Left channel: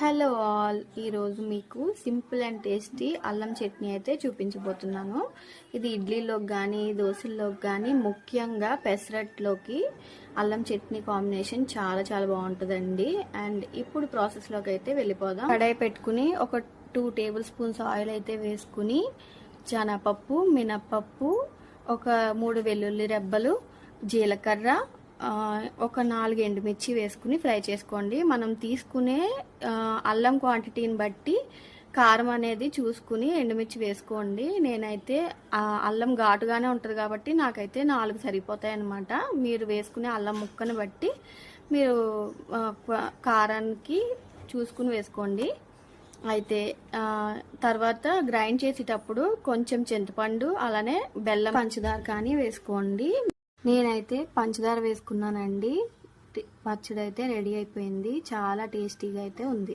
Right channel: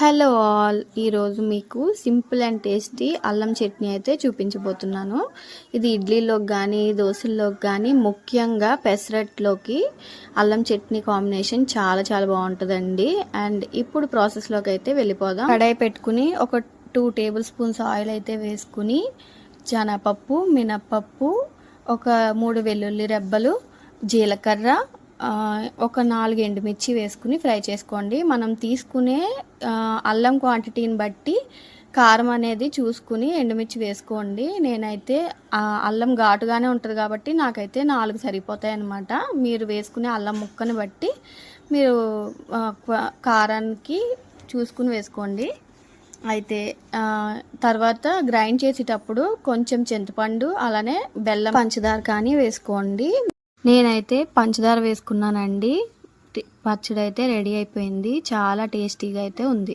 Hello all. ఈరోజు మీకు simple and tasty అల్లం చట్నీ అయితే చూపించబోతున్నాను. ఇది ఇడ్లీలోకి కానీ దోశల్లోకి కానీ ముఖ్యంగా పెసరట్లోకి అల్లం చట్నీ కాంబినేషన్ చాలా చాలా బాగుంటుందండి. అండ్ ఇప్పుడు ప్రాసెస్లోకి అయితే వెళ్ళిపోదాం. కడాయి పెట్టుకుని ఒక టూ టేబుల్ స్పూన్స్ ఆయిల్ అయితే వేసుకుని శనగపప్పు మినప్పప్పు ఒక మూడు వెల్లుల్లి రెబ్బలు జీలకర్ర ఒక నాలుగు ఎండుమిర్చి వేసుకుని ఫ్రై చేసుకోండి. మనం తీసుకునే అల్లం క్వాంటిటీని బట్టి కారం అనేది చూసుకుని ఎండుమిర్చి వేసుకోండి. నేనైతే అల్లం ఘాటుగానే ఉంటుంది కాబట్టి నాకైతే నాలుగు సరిపోతాయి అన్నమాట మీరు వేసుకునే అల్లం ముక్కని బట్టి మీరు కారానికి చూసుకుని వేసుకోండి. అయితే తర్వాత గ్రైండ్ చేసేటప్పుడు కొంచెం చింతపండు అలానే బెల్లం పంచదార కానీ వేసుకోండి. నేనైతే పంచదార వేసుకున్నానండి. పచ్చడి అయితే రెడీ అయిపోయింది. చాలా టేస్టీగా అయితే ఉంది.